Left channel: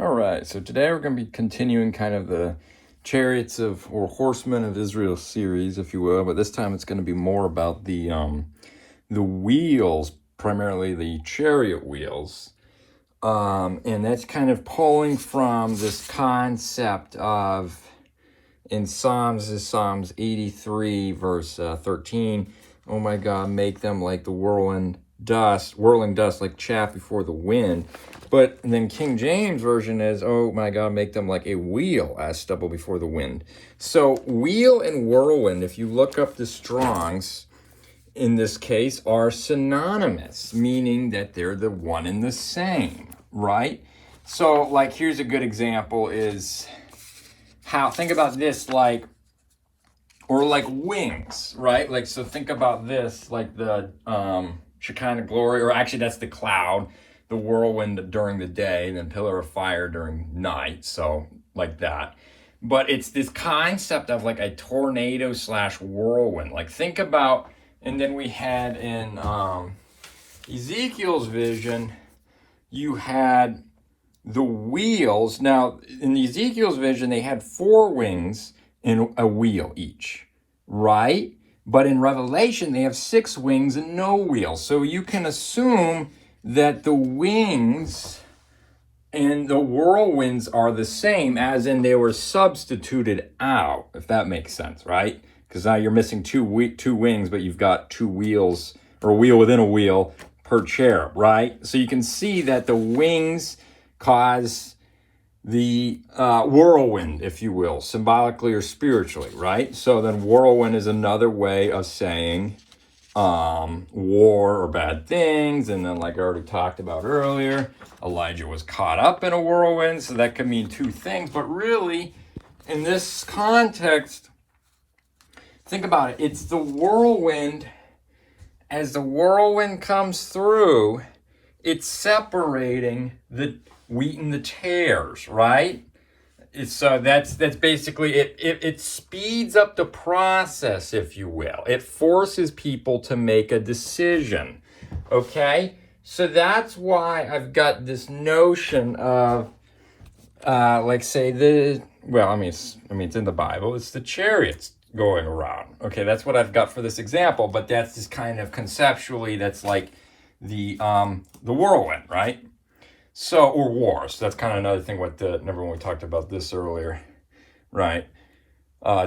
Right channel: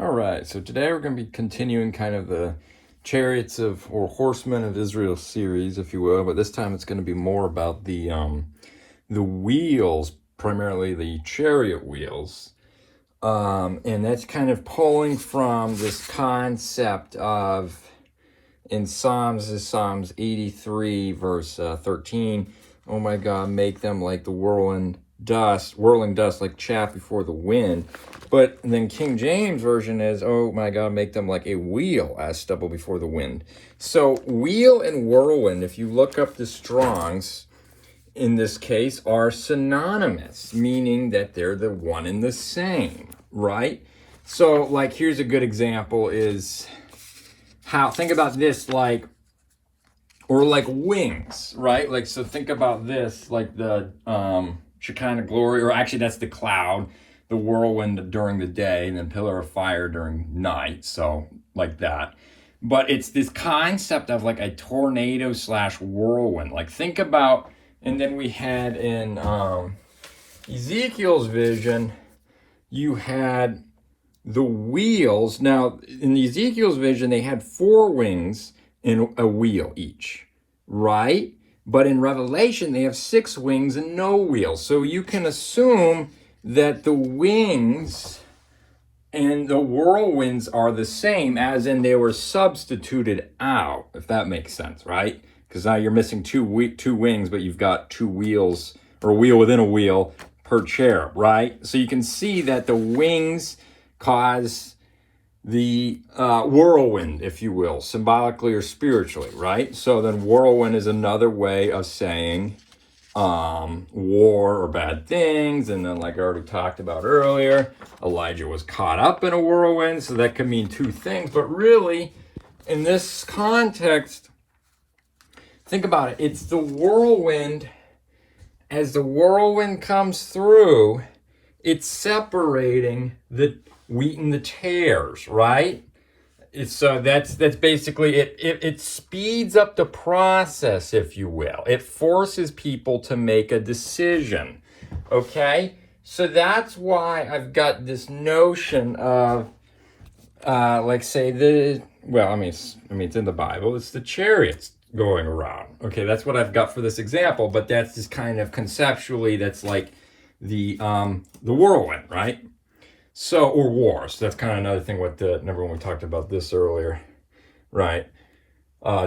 All right, so today we're going to be continuing kind of the Chariots of, or Horsemen of Israel series, if you will, but this time it's going to be more about the wheels, primarily the chariot wheels. And that's kind of pulling from this concept of, in Psalms 83, verse 13, oh my God, make them like the whirling dust, like chaff before the wind. But then King James Version is, oh my God, make them like a wheel as stubble before the wind. So wheel and whirlwind, if you look up the Strongs, in this case, are synonymous, meaning that they're the one and the same, right? So like, here's a good example is how, think about this, like, or like wings, right? Like, so think about this, like the Shekinah glory, or actually that's the cloud, the whirlwind during the day, and then pillar of fire during night, so like that. But it's this concept of like a tornado / whirlwind. Like think about, and then we had in Ezekiel's vision, you had the wheels. Now in Ezekiel's vision, they had 4 wings and a wheel each, right? But in Revelation, they have 6 wings and no wheels. So you can assume that the wings and the whirlwinds are the same, as in they were substituted out, if that makes sense, right? Because now you're missing two wings, but you've got 2 wheels, or a wheel within a wheel per cherub, right? So you can see that the wings cause the whirlwind, if you will, symbolically or spiritually, right? So then whirlwind is another way of saying war or bad things. And then, like I already talked about earlier, Elijah was caught up in a whirlwind, so that could mean 2 things. But really, in this context, think about it. It's the whirlwind. As the whirlwind comes through, it's separating the wheat and the tares, right? It's that's basically it. It speeds up the process, if you will. It forces people to make a decision. Okay, so that's why I've got this notion of, like, say it's in the Bible. It's the chariots going around. Okay, that's what I've got for this example. But that's just kind of conceptually, that's like the whirlwind, right? So, or wars. That's kind of another thing with remember when we talked about this earlier, right?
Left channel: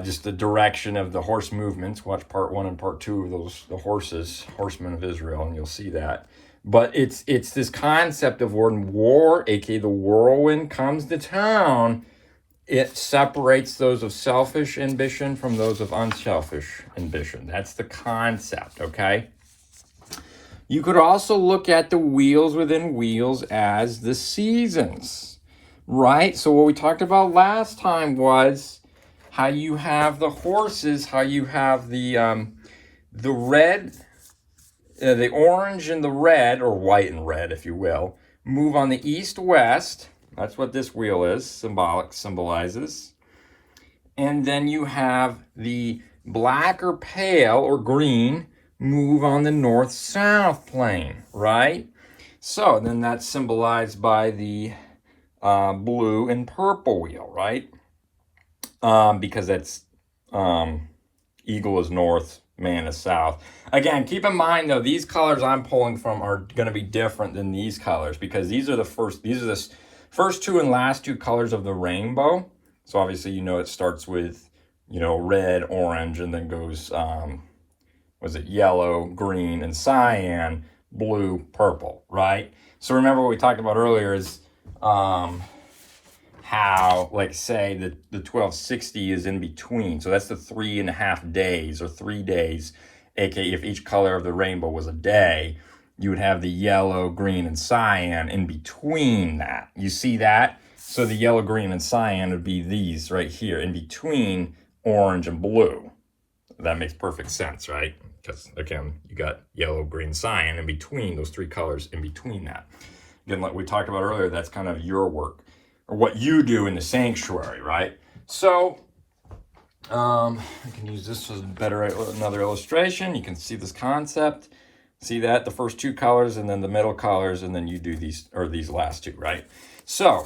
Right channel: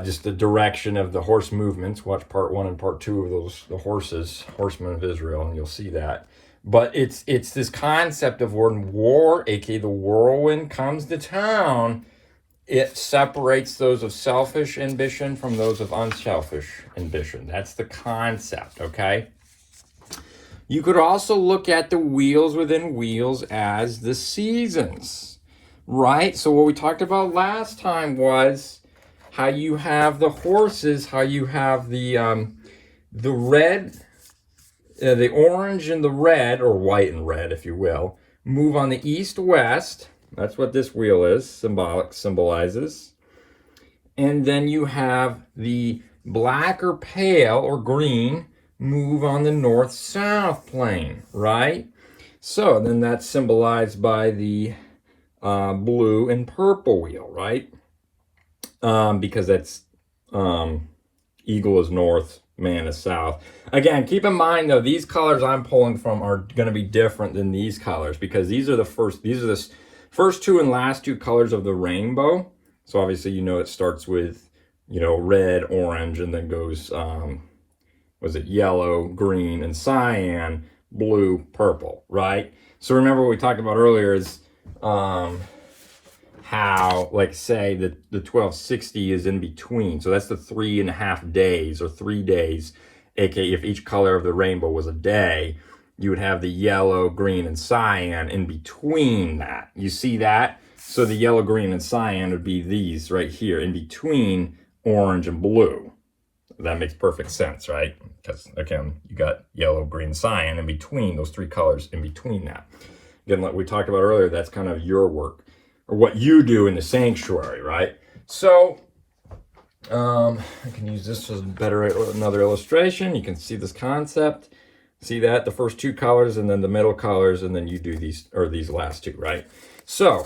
Just the direction of the horse movements. Watch part 1 and part 2 of those, the horsemen of Israel, and you'll see that. But it's this concept of when war, aka the whirlwind, comes to town, it separates those of selfish ambition from those of unselfish ambition. That's the concept, okay? You could also look at the wheels within wheels as the seasons, right? So what we talked about last time was how you have the horses, how you have the red, the orange and the red, or white and red, if you will, move on the east-west. That's what this wheel is, symbolizes. And then you have the black or pale or green move on the north-south plane, right? So then that's symbolized by the blue and purple wheel, right? Because that's eagle is north, man is south. Again, keep in mind though, these colors I'm pulling from are going to be different than these colors, because these are the first 2 and last 2 colors of the rainbow. So obviously, it starts with, red, orange, and then goes was it yellow, green, and cyan, blue, purple, right? So remember what we talked about earlier is how, like, say, the 1260 is in between. So that's the 3.5 days, or 3 days, aka if each color of the rainbow was a day, you would have the yellow, green, and cyan in between that. You see that? So the yellow, green, and cyan would be these right here, in between orange and blue. That makes perfect sense, right? Because, again, you got yellow, green, cyan in between, those 3 colors in between that. Again, like we talked about earlier, that's kind of your work, or what you do in the sanctuary, right? So, I can use this as another illustration. You can see this concept. See that? The first 2 colors, and then the middle colors, and then you do these last 2, right? So,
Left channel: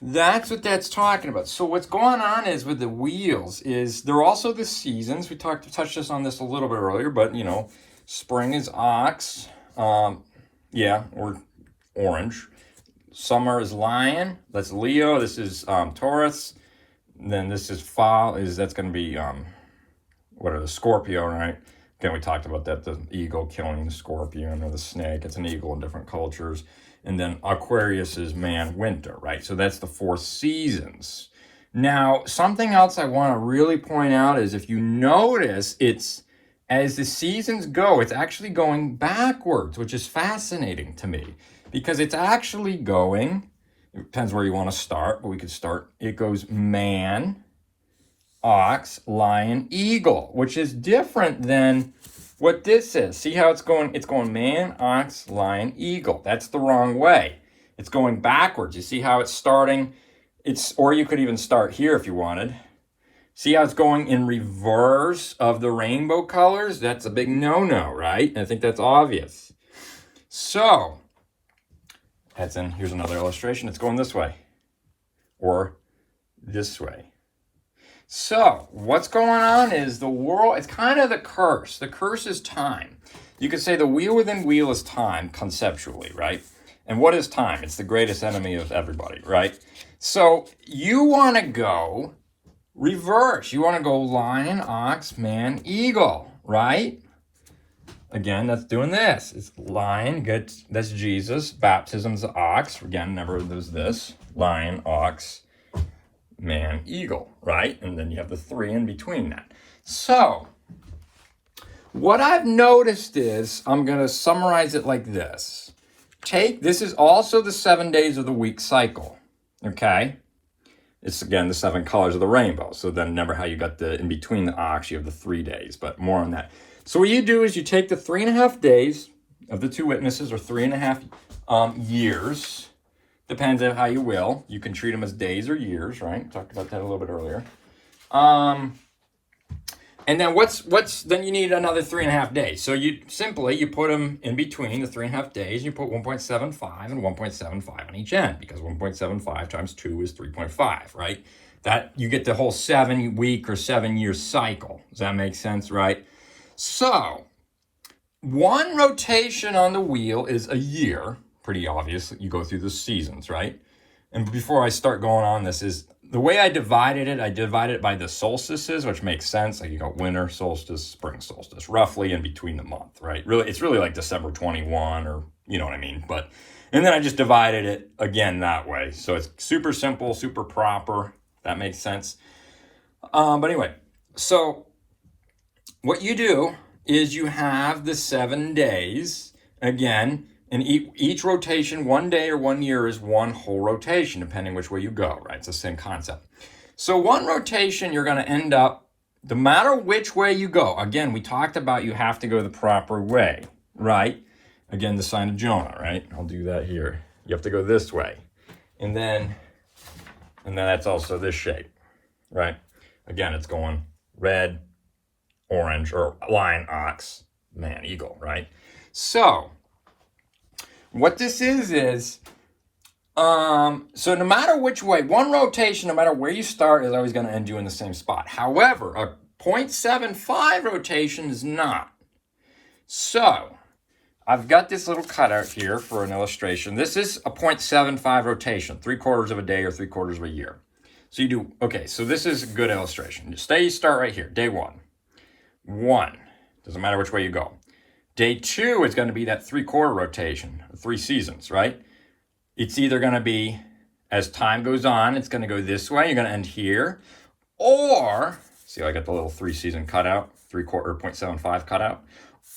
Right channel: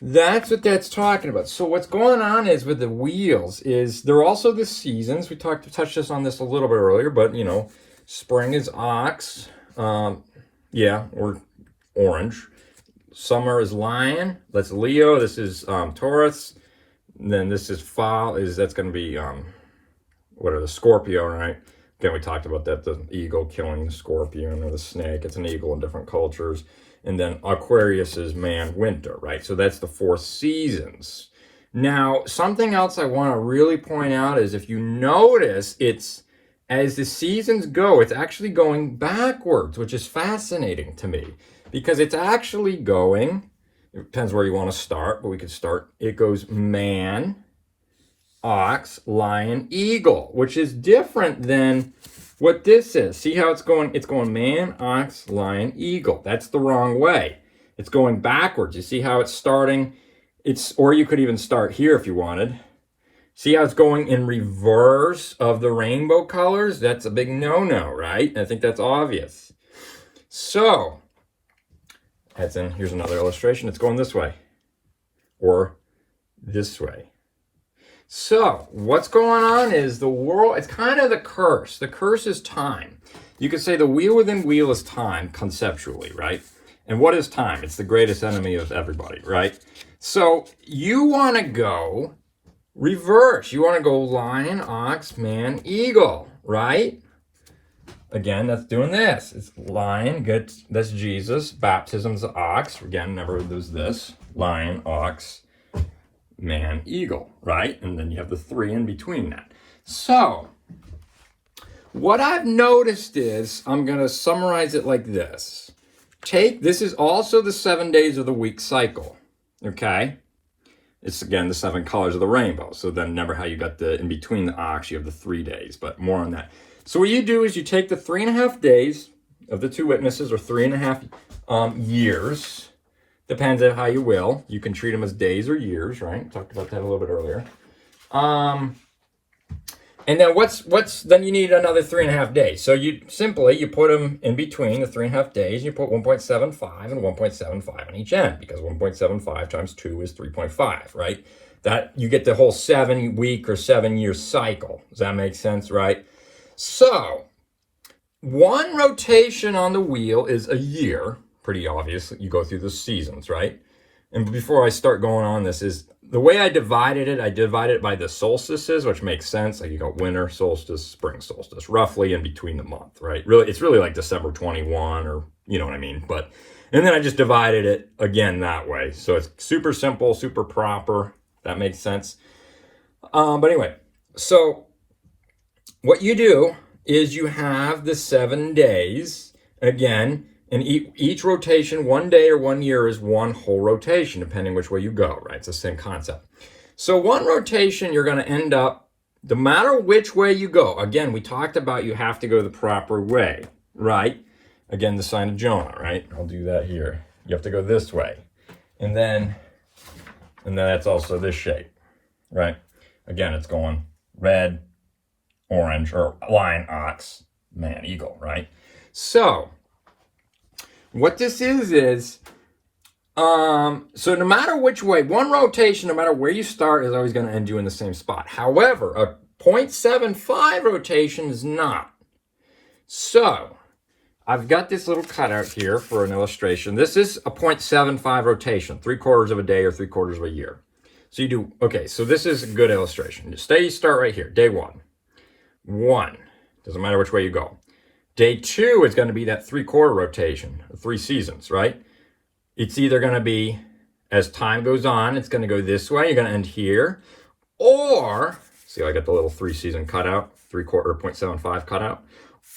That's what that's talking about. So what's going on is with the wheels is they're also the seasons. We touched on this a little bit earlier, but you know, spring is ox, yeah, or orange. Summer is lion. That's Leo. This is Taurus. And then this is fall. That's going to be what are the Scorpio, right? Again, we talked about that, the eagle killing the scorpion or the snake. It's an eagle in different cultures. And then Aquarius is man, winter, right? So that's the 4 seasons. Now, something else I want to really point out is if you notice, it's as the seasons go, it's actually going backwards, which is fascinating to me because it's actually going, it depends where you want to start, but we could start, it goes man, ox, lion, eagle, which is different than what this is. See how it's going? It's going man, ox, lion, eagle. That's the wrong way. It's going backwards. You see how it's starting? Or you could even start here if you wanted. See how it's going in reverse of the rainbow colors? That's a big no-no, right? I think that's obvious. So, here's another illustration. It's going this way or this way. So what's going on is the world, it's kind of the curse. The curse is time. You could say the wheel within wheel is time conceptually, right? And what is time? It's the greatest enemy of everybody, right? So you want to go reverse. You want to go lion, ox, man, eagle, right? Again, that's doing this. It's lion, that's Jesus. Baptism's the ox. Again, remember there's this. Lion, ox, man, eagle, right? And then you have the 3 in between that. So, what I've noticed is, I'm going to summarize it like this. This is also the 7 days of the week cycle, okay? It's, again, the 7 colors of the rainbow. So then remember how you got in between the ox, you have the 3 days, but more on that. So what you do is you take the 3.5 days of the 2 witnesses, or 3.5 years, depends on how you will. You can treat them as days or years, right? We talked about that a little bit earlier. And then then you need another 3.5 days. So you put them in between the 3.5 days. You put 1.75 and 1.75 on each end because 1.75 times 2 is 3.5, right? That you get the whole 7-week or 7-year cycle. Does that make sense, right? So 1 rotation on the wheel is a year. Pretty obvious. You go through the seasons, right? And before I start going on this is the way I divided it by the solstices, which makes sense. Like you got winter solstice, spring solstice, roughly in between the month, right? Really, it's really like December 21 or you know what I mean. And then I just divided it again that way. So it's super simple, super proper. That makes sense. But anyway, so what you do is you have the 7 days again. And each rotation, 1 day or 1 year is 1 whole rotation, depending which way you go, right? It's the same concept. So 1 rotation, you're going to end up, no matter which way you go. Again, we talked about you have to go the proper way, right? Again, the sign of Jonah, right? I'll do that here. You have to go this way. And then that's also this shape, right? Again, it's going red, orange, or lion, ox, man, eagle, right? So what this is, so no matter which way, 1 rotation, no matter where you start, is always going to end you in the same spot. However, a 0.75 rotation is not. So I've got this little cutout here for an illustration. This is a 0.75 rotation, 3/4 of a day or 3/4 of a year. So you do, okay, so this is a good illustration. You start right here, day 1. 1, doesn't matter which way you go. Day 2 is going to be that 3/4 rotation, 3 seasons, right? It's either going to be, as time goes on, it's going to go this way. You're going to end here. Or, see I got the little 3-season cutout, 3/4 0.75 cutout.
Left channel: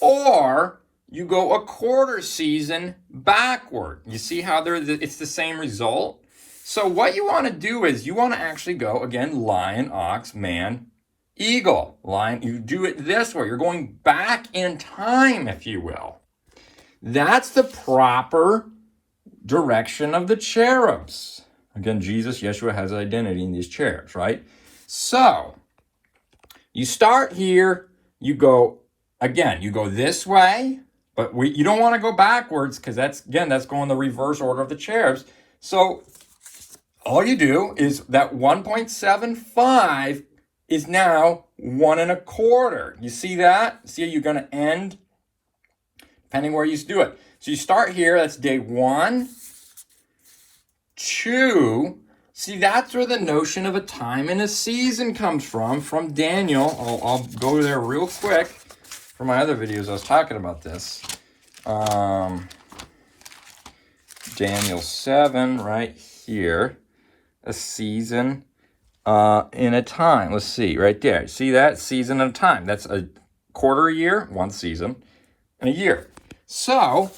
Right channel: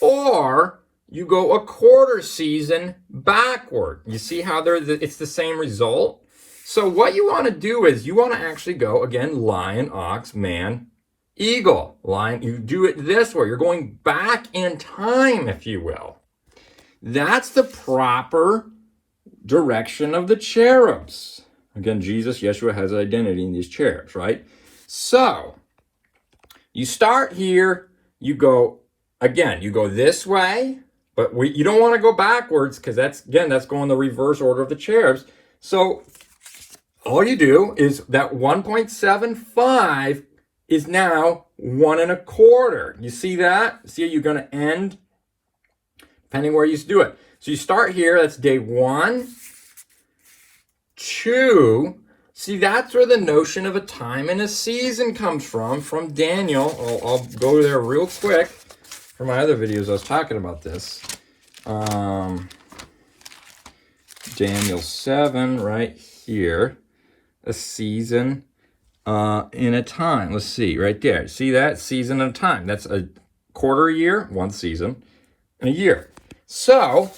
Or you go a 1/4 season backward. You see how it's the same result? So what you want to do is you want to actually go, again, lion, ox, man, eagle, lion. You do it this way. You're going back in time, if you will. That's the proper direction of the cherubs. Again, Yeshua has identity in these cherubs, right? So you start here. You go, again, you go this way, but you don't want to go backwards because that's going the reverse order of the cherubs. So all you do is that 1.75 is now 1.25. You see that? See, you're going to end depending where you do it. So you start here, that's day 1, 2. See, that's where the notion of a time and a season comes from Daniel. I'll go there real quick. For my other videos, I was talking about this. Daniel 7, right here. A season and a time. Let's see, right there. See that? Season and a time. That's a quarter a year, 1 season, and a year. So,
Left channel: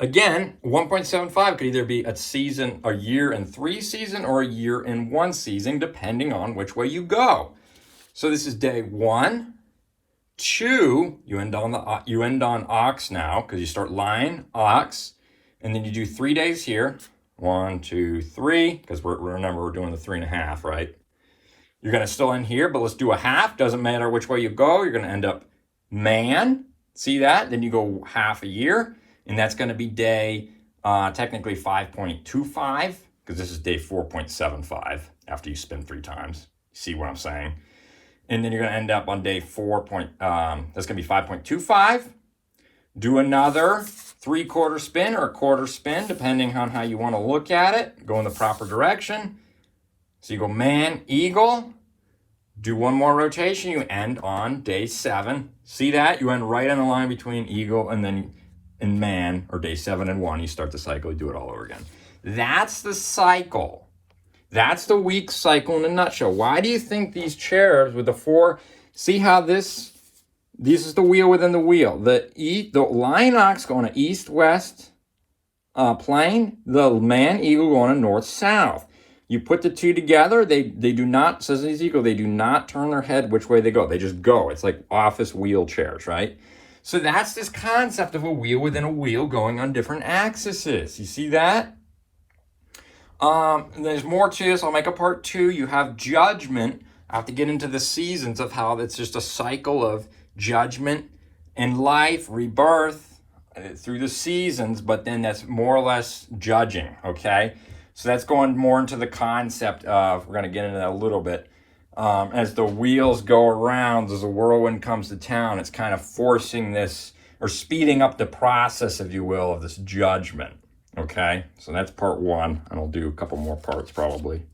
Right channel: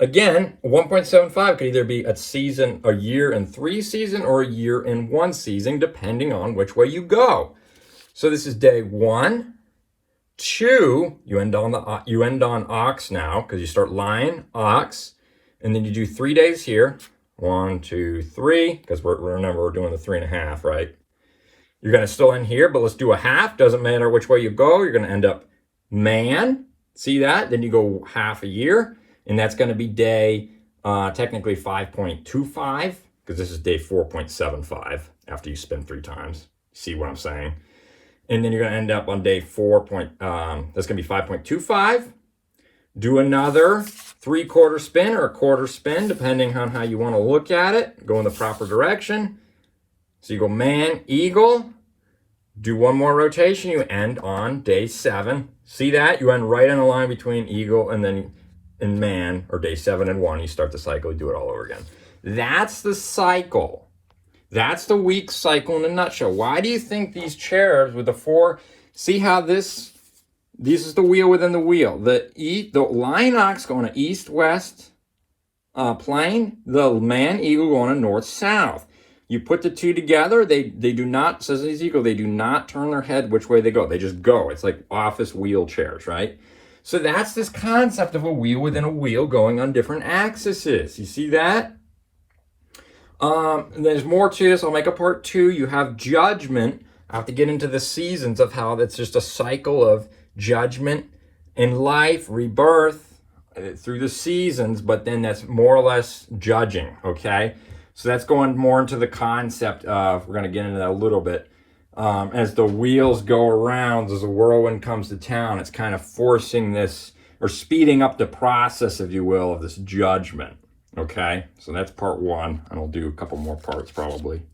again, 1.75 could either be a season, a year and 3 season, or a year and 1 season, depending on which way you go. So this is day 1, 2. You end on ox now because you start line ox, and then you do 3 days here. 1, 2, 3. Because remember we're doing the 3.5, right? You're gonna still end here, but let's do a half. Doesn't matter which way you go. You're gonna end up man. See that? Then you go half a year, and that's going to be day, technically 5.25, because this is day 4.75 after you spin 3 times. See what I'm saying? And then you're going to end up on day 4. That's going to be 5.25. Do another 3/4 spin or a quarter spin, depending on how you want to look at it. Go in the proper direction. So you go man, eagle. Do 1 more rotation, you end on day 7. See that? You end right in the line between eagle and then in man, or day 7 and 1. You start the cycle, you do it all over again. That's the cycle. That's the week cycle in a nutshell. Why do you think these cherubs with the 4, see how this is the wheel within the wheel. The lion ox going to east-west plane, the man eagle going to north-south. You put the 2 together, they do not, says Ezekiel, they do not turn their head which way they go. They just go. It's like office wheelchairs, right? So that's this concept of a wheel within a wheel going on different axes. You see that? There's more to this. I'll make a part 2. You have judgment. I have to get into the seasons of how that's just a cycle of judgment and life, rebirth through the seasons, but then that's more or less judging, okay? So that's going more into the concept of, we're going to get into that a little bit, as the wheels go around, as the whirlwind comes to town, it's kind of forcing this, or speeding up the process, if you will, of this judgment, okay? So that's part 1, and I'll do a couple more parts probably.